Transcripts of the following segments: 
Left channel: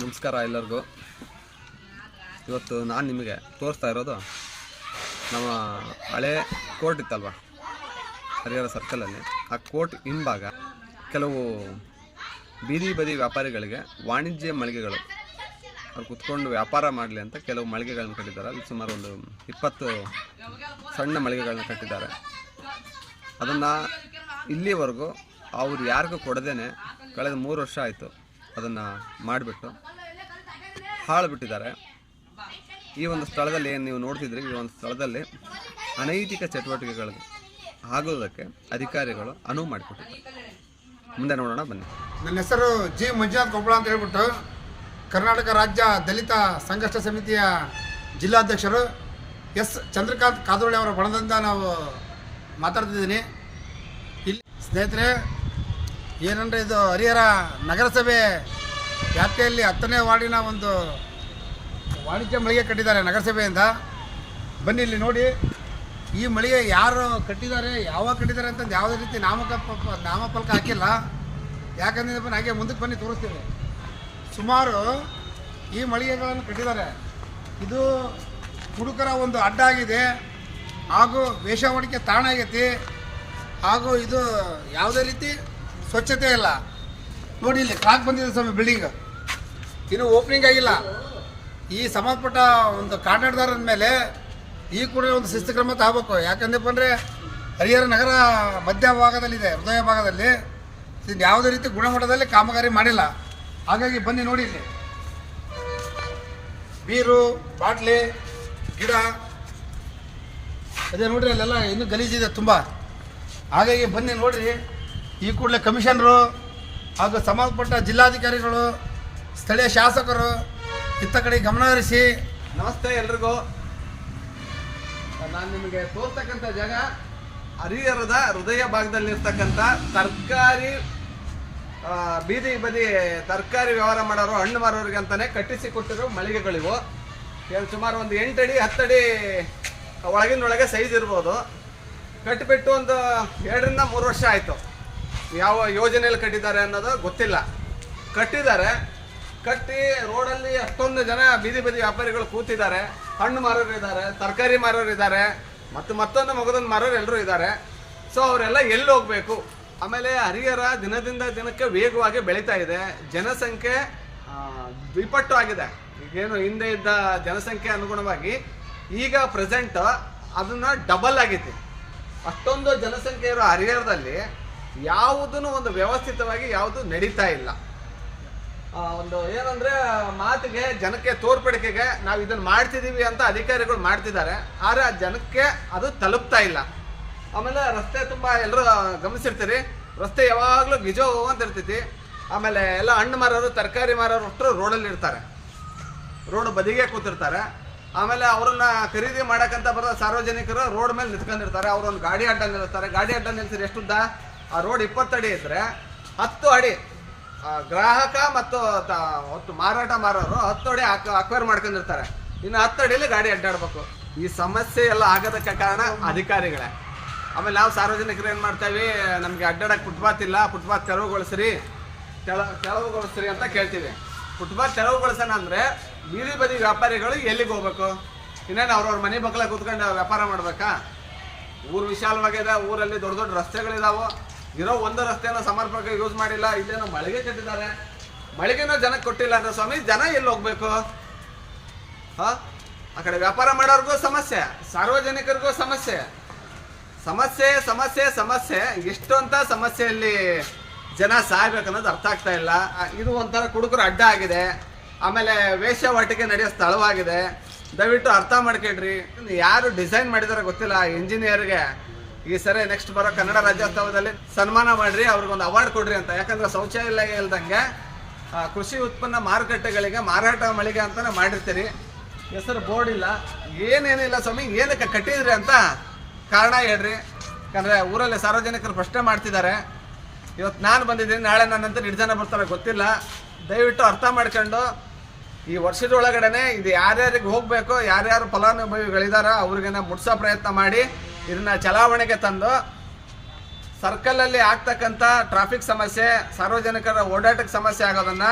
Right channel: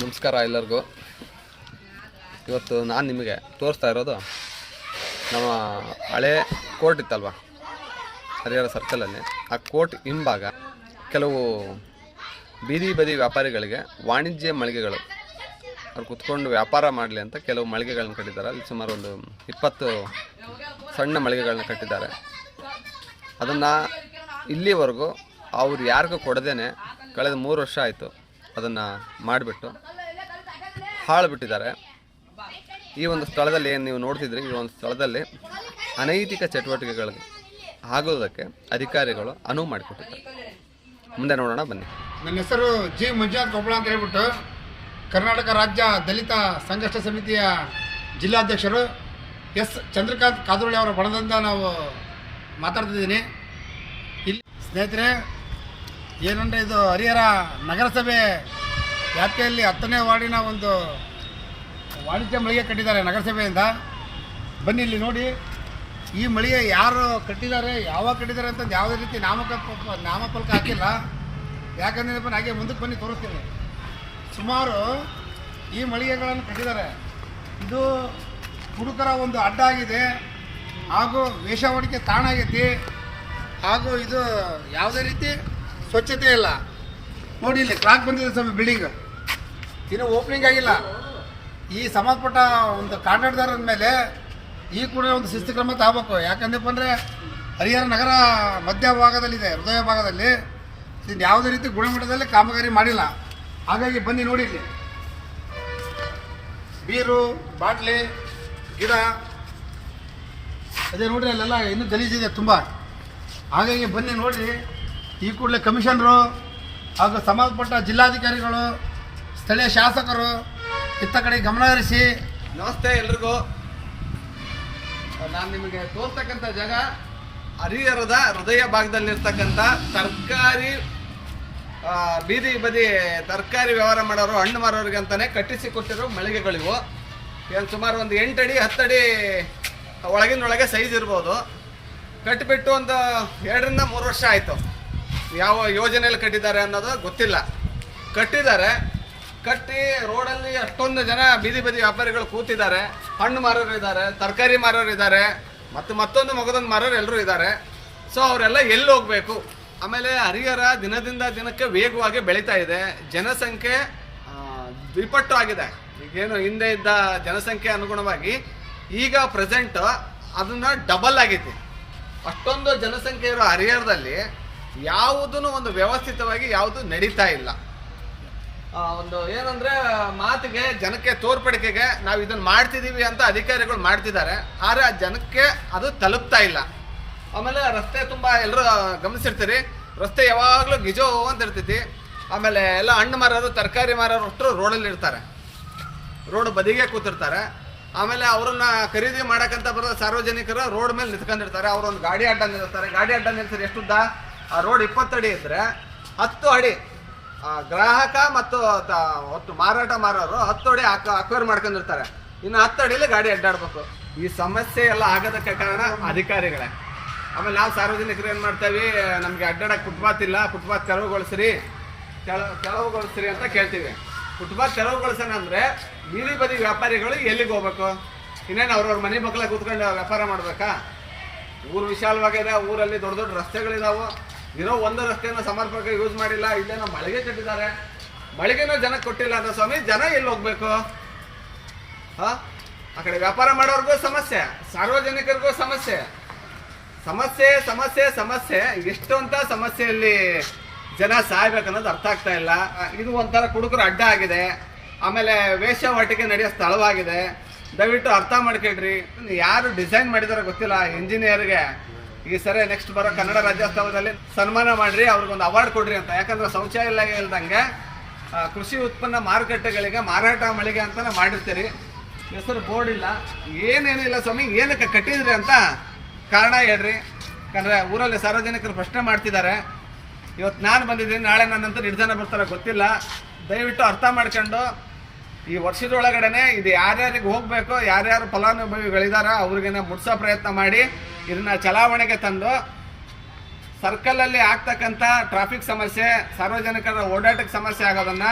ನಮಸ್ಕಾರ ಎಲ್ಲರಿಗೂ. ಇವತ್ತು ನಾನು ನಿಮಗೆ ತೋರಿಸ್ತಾ ಇರೋದು ನಮ್ಮ ಹಳೆ ಕೋರ್ಟ್ ಇತ್ತಲ್ವ ಹರಿಹರ ಸರ್ಕಲಲ್ಲಿ. ಆ ಕೋರ್ಟ್ ಹಿಂಭಾಗ ಕೆಲವು ಬೀದಿ ಬದಿ ವ್ಯಾಪಾರಿಗಳಿಗೆ ವಾಣಿಜ್ಯ ಮಳಿಗೆಗಳು ಅವ್ರು ಕುತ್ಕೊಂಡು ವ್ಯಾಪಾರ ಮಾಡಲಿ ಅಂತ ಕೆಲವು ಮಳಿಗೆಗಳನ್ನ ಕಟ್ಟಿದ್ದಾರೆ. ಅಲ್ಲಿ ಸುಮಾರು ಒಂದು 20 ಸಣ್ಣ ಮಳಿಗೆಗಳನ್ನ ಕಟ್ಟಿದ್ದಾರೆ. ಅದನ್ನು ಇಲ್ಲಿವರೆಗೂ ಅವ್ರು ಯಾರಿಗೂ ಕೊಡದೇನೆ ಕಳೆದ 3 ವರ್ಷ ಆಯಿತು ಅದನ್ನು ಮಾಡಿಬಿಟ್ಟು ಹಾಳು ಬಿಟ್ಟಿದ್ದಾರೆ. ಈ ಒಂದು ಸ್ಥಳದಲ್ಲಿ ಏನು ನೀವು ನೋಡ್ತಿದ್ರಿ, ಈ ಒಂದು ಸ್ಥಳದಲ್ಲಿ ಅನೈತಿಕ ಚಟುವಟಿಕೆಗಳು ಆಗೋದಕ್ಕೆ ಅಧಿಕಾರಿಗಳು ಅನುವು ಮಾಡಿಕೊಟ್ಟಿದ್ದಾರೆ. ಮುಂದೆ ನೋಡೋಣ ಬನ್ನಿ. ನನ್ನ ಹೆಸರು ಜಿ ಮಂಜುನಾಥ್ ಕೊಪ್ಪಳ ಅಂತ ಹೇಳ್ಬಿಟ್ಟು ಕರ್ನಾಟಕ ರಾಜ್ಯ ದಲಿತ ಸಂಘರ್ಷ ಸಮಿತಿಯ ಜಿಲ್ಲಾಧ್ಯಕ್ಷರು ಎಸ್ ಚಂದ್ರಕಾಂತ್ ಕಾದೋಳಿ ಅವರ ಬಣದಿಂದ ನಾವು ಮಾತಾಡ್ತಿದ್ದೀನಿ. ಇಲ್ಲಿ ಸ್ನೇಹಿತರೆ, ಏನಂದರೆ ಇದು ಹರಿಹರ ನಗರಸಭೆ ವ್ಯಾಪ್ತಿಯಲ್ಲಿ 10ನೇ ವಾರ್ಡಿನ ಒಂದು ವಾಣಿಜ್ಯ ಮಳಿಗೆ ಕಟ್ಟಿದ್ದಾರೆ ನಗರಸಭೆಯಿಂದ. ಬನ್ನಿ ಇಲ್ಲಿ ನೋಡಿ, ಈ ಮಳಿಗೆ ಯಾರು ಕಟ್ಟಿದ್ದಾರೆ, ಯಾವಾಗ ಕಟ್ಟಿದ್ದಾರೆ ಅಂತಂದು ಯಾವುದೇ ರೀತಿ ನಾಮಫಲಕ ಹಾಕಿಲ್ಲ. ಯಾಕಂದರೆ ಬನ್ನಿ ಹಾಗೆ ಮುಂದಕ್ಕೆ ಬನ್ನಿ ತೋರಿಸ್ತೀವಿ. ಸುಮಾರು ಈ ಮಳಿಗೆಗಳನ್ನು ಕಟ್ಟಿದ್ದಾರೆ. ಇದು ಹುಡುಕರ ಒಂದು ಅಡ್ಡ ಆಗಿದೆ, ಹಾಗೂ ವೇಷವಾಟಿಕೆ ತಾಣ ಆಗೈತಿ, ಹಾಗೂ ಇದು ಯಾವುದೇ ರೀತಿ ಸ್ವಚ್ಛತೆ ಇಲ್ಲ. ನೋಡಿ ಇಲ್ಲಿ ಕ್ರಾಕ್ ಬಂದಿದೆ ಸ್ವಾಮಿ, ಬಿಲ್ಡಿಂಗ್ ಇನ್ನೂ ಓಪನಿಂಗ್ ಆಗಿಲ್ಲ. ಈ ಸಂಬಂಧಪಟ್ಟ ಒಂದು ಕಾಂಟ್ರಾಕ್ಟ್ದಾರರ ಮೇಲೆ ಈ ಕೂಡ ಒಂದು ಶಿಸ್ತು ಕ್ರಮ ತಗೋಬೇಕು. ಯಾಕಂದ್ರೆ ಬಂದರೆ ಹರಿಹರ ನಗರ ಮಧ್ಯ ಭಾಗದಲ್ಲಿದೆ, ಹೃದಯ ಭಾಗದಲ್ಲಿ ಯಾವುದೇ ರೀತಿ ಗುಣಮಟ್ಟದಲ್ಲಿ ಕಾಮಗಾರಿ ಮಾಡಿಲ್ಲ. ಹಾಗಾಗಿ ಬನ್ನಿ ನೋಡಿ, ಇಲ್ಲಿ ಬೀರು ಬಾಟ್ಲಿ ಗಿಡ ಅದೇ ನೋಡ್ರಿ, ಅಲ್ಲೆಲ್ಲ ಇನ್ನೂ ಗಲೀಜಿದೆ ತುಂಬ. ಹಾಗಾಗಿ ಬನ್ನಿ ನೋಡ್ರಿ, ಈ ಕೂಡಲೇ ಕಮಿಷನರು ಹಾಗೂ ಸಂಬಂಧಪಟ್ಟ ಜಿಲ್ಲಾಧಿಕಾರಿಗಳು, ಸ್ಥಳೀಯ ಶಾಸಕರು ಇತ್ತ ಕಡೆ ಗಮನ ಹರಿಸಿ. ನಮಸ್ತೆ ಎಲ್ರಿಗೂ. ನಾನು ನಿಮಗೆ ತೋರ್ತಕ್ಕಂಥ ಜಾಗ ಹರಿಹರದ ಹೃದಯ ಭಾಗದಲ್ಲಿರ್ತಕ್ಕಂಥ ತರಕಾರಿ ಬೀದಿ ಬದಿ ತರಕಾರಿ ವ್ಯವಹಾರ ಮಾಡೋರು, ಹಣ್ಣು ಮಾರೋರಿಗೆ ಅಂತಲೇ ಕಟ್ಟಿಸಿಕೊಟ್ಟಿರೋ ಮಳಿಗೆಗಳಿವು. ಏನು ಸುಮಾರು ಒಂದು 8 ಅಡಿ 10 ಅಡಿ ಒಳಗಿನೊಳಗೆ ಸೈಜ್ ಇರ್ಬೋದು. ಕಟ್ಟಿಬಿಟ್ಟು ಒಂದು 2ರಿಂದ 3 ವರ್ಷ ಆಯಿತು. ಯಾವ ಯೋಜನೆಯಲ್ಲಿ ಕಟ್ಟಿದ್ದಾರೆ ಅನ್ನೋದು ಗೊತ್ತಿಲ್ಲ. ಕಟ್ಟಿದ್ದಾರೆ, ಕಟ್ಟಿ ರೋಡಲ್ಲಿ ಅಷ್ಟೊಂದು ಜನ ಬೀದಿ ಬದಿ ವ್ಯಾಪಾರಿಗಳು ಕೂತಿದ್ದಾರೆ. ಹಣ್ಣು ಮಾರೋರು ಇದ್ದಾರೆ, ತರಕಾರಿ ಮಾರೋರು ಇದ್ದಾರೆ, ಮತ್ತೊಂದು ಮಗದೊಂದು ಮಾರೋರು ಎಲ್ಲರೂ ಇದ್ದಾರೆ. ಸೊ ಅವರೆಲ್ಲ ಎಲ್ಲಿ ಹೋಗಬೇಕು? ಆಮೇಲೆ ಹರಿಹರ ದಿನದಿಂದ ದಿನಕ್ಕೆ ವೇಗವಾಗಿ ಬೆಳೀತಾ ಇದೆ. ಜನಸಂಖ್ಯೆ ದ್ವಿಪಟ್ಟು ಆಗಿದೆ. ಈಗೇನು ಹಿಂದೆ ಇದ್ದ ಜನಸಂಖ್ಯೆ ಅನುಗುಣವಾಗಿ ಈಗ ಪ್ರೆಸೆಂಟ್ ಅದನ್ನು ಡಬಲ್ ಆಗೈತಿ. ಅಷ್ಟೊಂದು ಜನಸಂಖ್ಯೆ ಇರೋ ಹರಿಹರದಲ್ಲಿ ಯಾವುದೂ ಒಂದು ವ್ಯವಸ್ಥಿತವಾಗಿ ಯಾವುದು ನಡೀತಾ ಇಲ್ಲ. ಒಂದು ಏನಂದರೆ ಮಾತಿಗೆ ಜನಕ್ಕೆ ತೋರ್ಪಡಿಕೆಗೆ ನಾವು ಇದನ್ನು ಮಾಡ್ತಿದ್ದೀವಿ ಅಂತ ಅಧಿಕಾರಿಗಳು ಮಾಡ್ತಿದ್ದಾರೆ, ಆದರೆ ಆ ಜನಕ್ಕೆ ಅದು ತಲುಪ್ತಾ ಇಲ್ಲ. ಆಮೇಲೆ ರಸ್ತೆ ತುಂಬ ಎಲ್ಲರೂ ಗಮನಿಸಿರ್ತೀರಿ, ರಸ್ತೆ ಯಾವಾಗಲೂ ಗಿಜೋ ಅಂತ ಇರ್ತೈತಿ. ಆಮೇಲೆ ಎಲ್ಲ ಹಣ್ಣು ಮಾರೋರು ತರಕಾರಿ ಮಾರೋರು ಅಷ್ಟರು ರೋಡಲ್ಲಿ ಇರ್ತಾರೆ, ರೋಡ್ ಬದಿಗೆ ಕೂತಿರ್ತಾರೆ. ಆಮೇಲೆ ಅವ್ರನ್ನ ಖರೀದಿ ಮಾಡೋಕ್ಕಂತ ಬರೋ ಸಾರ್ವಜನಿಕರು ರೋಡ್ ಮೇಲೆ ನಿಂತ್ಕೊಂಡಿರ್ತಾರೆ. ಅವರೊಂದು ಗಾಡಿ ಅಡ್ಡ ನಿಲ್ಲಿಸ್ತಾರೆ. ಗಾಡಿ ಅಡ್ಡ ನಿಲ್ಸಿದ್ರೆ ಎಷ್ಟುದ್ದ? ಆ ರೋಡ್ 20 ಅಡಿ ಇದ್ದರೆ 10 ಅಡಿ ಗ್ರಾಹಕ ಮತ್ತು ಮಾರಾಟ ಮಾರೋರು 10 ಅಡಿ ಅಕ್ವೈರ್ ಮಾಡ್ಕೊಂಡಿರ್ತಾರೆ. ಇನ್ನು 10 ಅಡಿಯಲ್ಲಿ ಗಾಡಿ ಅಡ್ಡಾಡ್ಬೇಕು. ಈ ಸಮಸ್ಯೆ ಎಲ್ಲ ಆಗೋದಕ್ಕೆ ಕಾರಣ ಅಧಿಕಾರಿಗಳೇ. ಆಮೇಲೆ ನಾವು ಸಾರ್ವಜನಿಕರು ಏನು ಮಾಡ್ತೇವೆ, ನಮಗೆ ಅಡ್ಡಾಡಕ್ಕೆ ಫುಟ್ಪಾತ್ ಇಲ್ಲ, ಫುಟ್ಪಾತ್ ತೆರವುಗೊಳಿಸ್ರಿ ಅಂತ ಕೇಳ್ತೀವಿ. ಫುಟ್ಪಾತ್ ತೆರವುಗೊಳಿಸೋಣ ಅಂದರೆ ಬೀದಿ ಬದಿ ವ್ಯಾಪಾರಿಗಳು ಎಲ್ಲಿಗೆ ಹೋಗ್ಬೇಕು? ಇನ್ನೇನು ಅವ್ರವ್ರ ಮನೆ ಮಕ್ಕಳ ಕೂತ್ಕೊಂಡು ವ್ಯಾಪಾರ ಮಾಡಬೇಕಾ? ಊರು ವಿಶಾಲವಾಗಿದೆ, ಊರಲ್ಲಿ ದೊಡ್ಡ ದೊಡ್ಡ ರಸ್ತೆಗಳಿದಾವೆ. ಇರೋ ಒಂದು ರಸ್ತೆನ ಸಮರ್ಪಕ ಯೂಸ್ ಮಾಡಿಲ್ಲ. ಇಲ್ಲೇನೋ ಮಳಿಗೆ ಕಟ್ಟಿದ್ದಾರೆ, ಮಳಿಗೆನೋ ಜನಕ್ಕೆ ಕೊಟ್ಟಿಲ್ಲ ಅಂದ್ರೆ ಸ್ವಾಮಿ ಜನ ಎಲ್ಲಿ ಹೋಗ್ಬೇಕು? ಆ ಕಡೆ ವ್ಯಾಪಾರ ಮಾಡೋರ್ಗೂ ಸಮಸ್ಯೆ, ಸಾರ್ವಜನಿಕರಿಗೂ ಸಮಸ್ಯೆ. ಸಮಸ್ಯೆ ಸಮಸ್ಯೆ ಸಮಸ್ಯೆ ಎಷ್ಟು ಅಂತ ಸಮಸ್ಯೆಯಲ್ಲಿ ಜನ ಸಾಯ್ಬೇಕನ್ನೋದು ಅರ್ಥ ಆಗ್ತಾ ಇಲ್ಲ. ಇದು ಒಂಥರ ಕುಡುಕರು ಅಡ್ಡ ಆಗಿದೆ. ಆಮೇಲೆ ವೇಶ್ಯಾವಾಟಿಕೆ ನಡೆಯೋ ಸ್ಥಳವಾಗಿದೆ. ದಯವಿಟ್ಟು ಅರ್ಥ ಮಾಡ್ಕೊಳ್ರಿ. ಯಾರು ಡಿಸೈನ್ ಮಾಡಿದಾರೋ ಗೊತ್ತಿಲ್ಲ. ಇಂಜಿನಿಯರ್ಗೆ ಈ ಸರಿ ನೆಕ್ಸ್ಟ್ ಬರೋ ಕನ್ನಡ ರಾಜ್ಯೋತ್ಸವದಲ್ಲಿ ಸನ್ಮಾನ ಮಾಡಿರಿ, ಅವ್ರಿಗೊಂದು ಅವಾರ್ಡ್ ಕೊಡ್ರಿ ಅಂತ. ಯಾಕಂದ್ರೆ ಶೌಚಾಲಯ ಇಲ್ದಂಗೆ ಕೃಷಿ ಉತ್ಪನ್ನ ಮಾರುಕಟ್ಟೆಗಳಿಗೆ ಮಾರಾಟ ಮಳಿಗೆ ಅಂತಾನೆ ಮಾಡಿರ್ತೀರಿ, ಹೆಸರು ಬೋರ್ಡ್ ಇಲ್ಲ, ಏನೇನಿಲ್ಲ ಸ್ವಾಮಿ. ಏನಕ್ಕೆ ಕಟ್ಟಿದ್ರಿ ಅಂತ ಕಾರಣ ಹೇಳ್ರಿ. ಯಾಕಂದರೆ ಊರಲ್ಲಿ ಸಾರ್ವಜನಿಕರು ಪ್ರಶ್ನೆ ಮಾಡ್ತಿದ್ದಾರೆ. ಇವತ್ತು ನಾನು ಬಂದಿದ್ದೀನಿ, ನಾಳೆ ನನ್ನಂತರ 2 ಜನ ಬರ್ತಾರೆ ಗೊತ್ತಿಲ್ಲ. ದಯವಿಟ್ಟು ಅರ್ಥ ಮಾಡ್ಕೊಂಡು ಈ ವರ್ಷದೊಳಗಡೆ ಇದು ಯಾರ್ಯಾರಿಗೆ ಹೋಗಬೇಕು, ಯಾರ್ಯಾರು ಫಲಾನುಭವಿಗಳಿದಾರೋ ಅವ್ರಿಗೆ ಮುಟ್ಸೋ ಪ್ರಯತ್ನ ಮಾಡಿ ಇದನ್ನು ಚಲಾವಣೆಗೆ ತಂದು ಸರ್ಕಲಲ್ಲಿ ಆಗ್ತಕ್ಕಂಥ ಟ್ರಾಫಿಕ್ ಸಮಸ್ಯೆ, ಸಾರ್ವಜನಿಕರ ಓಡಾಟಕ್ಕೆ ಸಮಸ್ಯೆ ಆಗೋದನ್ನು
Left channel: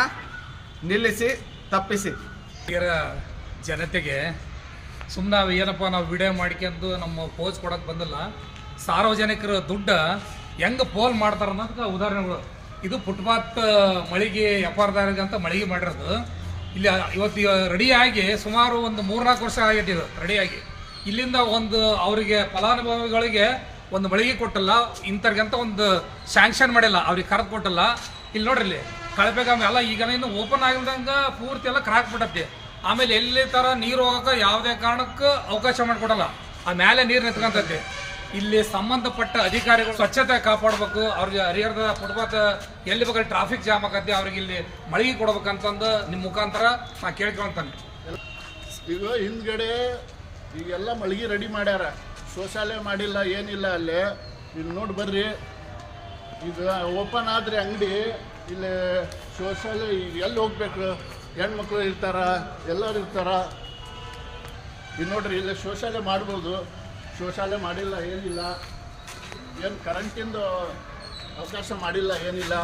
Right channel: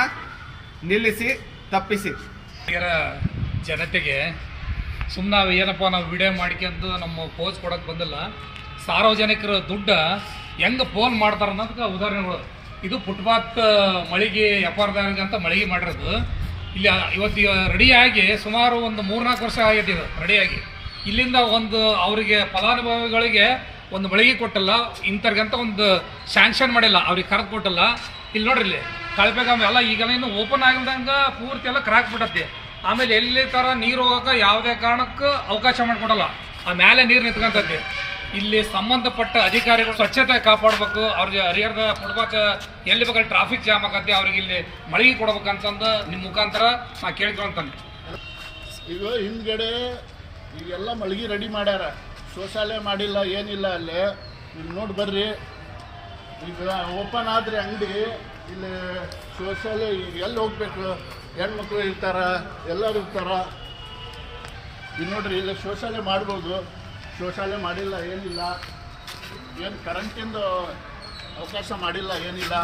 ನಿಲ್ಲಿಸಿ ತಪ್ಪಿಸಿ. ಜನತೆಗೆ ಸುಮ್ಮನೆ ನಾವು ಏನಪ್ಪ ನಾವು ವಿಡಿಯೋ ಮಾಡ್ಕೊಂಡು ನಮ್ಮ ಪೋಸ್ ಕೊಡೋಕೆ ಬಂದಿಲ್ಲ. ಸಾರ್ವಜನಿಕರ ದುಡ್ಡು ಹೆಂಗೆ ಪೋಲ್ ಮಾಡ್ತಾರೆ ಅನ್ನೋದಕ್ಕೆ ಉದಾಹರಣೆಗಳು. ಇದು ಫುಟ್ಪಾತ್ ಮಳಿಗೆ ವ್ಯಾಪಾರದಾರರಿಗೆ ಅಂತ ಮಳಿಗೆ ಮಾಡಿರೋದು. ಇಲ್ಲಿ ಇವತ್ತು ರೆಡಿಯಾಗಿ ಸುಮಾರು ಒಂದು 3-4 ವರ್ಷ ಆಗೈತೆ ಇದು ರೆಡಿಯಾಗಿ. ಇಲ್ಲಿಂದ ಒಂದು ಅವರಿಗೆ ಫಲಾನುಭವಿಗಳಿಗೆ ಒಂದು ಮಳಿಗೆ ಕೊಟ್ಟಿಲ್ಲ, ಇಂಥವ್ರಿಗಂತ ಒಂದು ಸ್ಯಾಂಕ್ಷನ್ ಮಾಡಿಲ್ಲ, ಅವ್ರಿಗೆ ಕರೆದು ಕೊಟ್ಟಿಲ್ಲ. ಇಲ್ಲಿ ನೋಡ್ರಿ, ಇಲ್ಲಿ ಕಳಪೆಗಾಮ ಎಲ್ಲ ಈಗೆಲ್ಲ ಇನ್ನು ಓಪನ್ ಆಗಿಲ್ದಂಗೆ ಪೂರ್ತಿ ಎಲ್ಲ ಕ್ರಾಕ್ ಬಿಟ್ಟತಿ. ಆಮೇಲೆ ಎಲ್ಲಿ ಥರ ನೀರು ಹೋಗೋಕೆ ಯಾವುದೇ ಕಾರಣಕ್ಕೂ ಅವಕಾಶ ಮಾಡಿಕೊಡಲ್ಲ, ಆ ಮೇಲೆ ನೀರು ನಿಂತ್ಕೊಂತೈತಿ. ಇಲ್ಲಿ ಸಂಬಂಧಪಟ್ಟ ಅಧಿಕಾರಿಗಳು ಸ್ವಚ್ಛತೆ ಕಾಪಾಡಬೇಕು. ಅವ್ರಿಗೆ ಹರಿಹರದ ಫುಟ್ಪಾತ್ ಎಲ್ಲಿ ಬೇಕಾದ್ರೆ ಟ್ರಾಫಿಕ್ ಜಾಮ್ ಆಗತ್ತೆ, ಅವ್ರಿಗೆ ಇಲ್ಲಿ ಮಳಿಗೆ ಕೊಡ್ಬೇಕಂತಂದು ನಿಮ್ಮ ಮುಖಾಂತರ ನಾ ಕೇಳ್ಕೊಂತಾನೆ. ಈಗ ಹಿಂದ್ಗಡೆ ಈಗೆಲ್ಲ ಮಳಿಗೆ ರೆಡಿ ಮಾಡ್ಯಾರ, ಶೌಚಾಲಯ ಮಾಡಿಲ್ಲ, ಏನಿಲ್ಲ. ಅಲ್ಲಿ ಈಗ ನೋಡಿ ಬರ್ರಿ, ಈಗ ಓಪನ್ ಆದರೆ ಅಂಗಡಿ, ಇಲ್ಲಿ ಶೌಚಾಲಯ ಎಲ್ಲಿ ಹೋಗ್ಬೇಕು? ಹೆಣ್ಮಕ್ಳು ಇರ್ತಾರ, ಎಲ್ಲರೂ ಇರ್ತಾರ. ಈಗ ನೋಡ್ರಿ, ಇಲ್ಲಿ ಶೌಚಾಲಯ ಮಾಡ್ಬೋದು, ಶೌಚಾಲಯ ಮಾಡಿಲ್ಲ, ಏನಿಲ್ಲ. ಏನು ಕರೆಂಟಿಂದು ಅವಕಾಶ ಮಾಡಿಲ್ಲ, ಏನಿಲ್ಲ.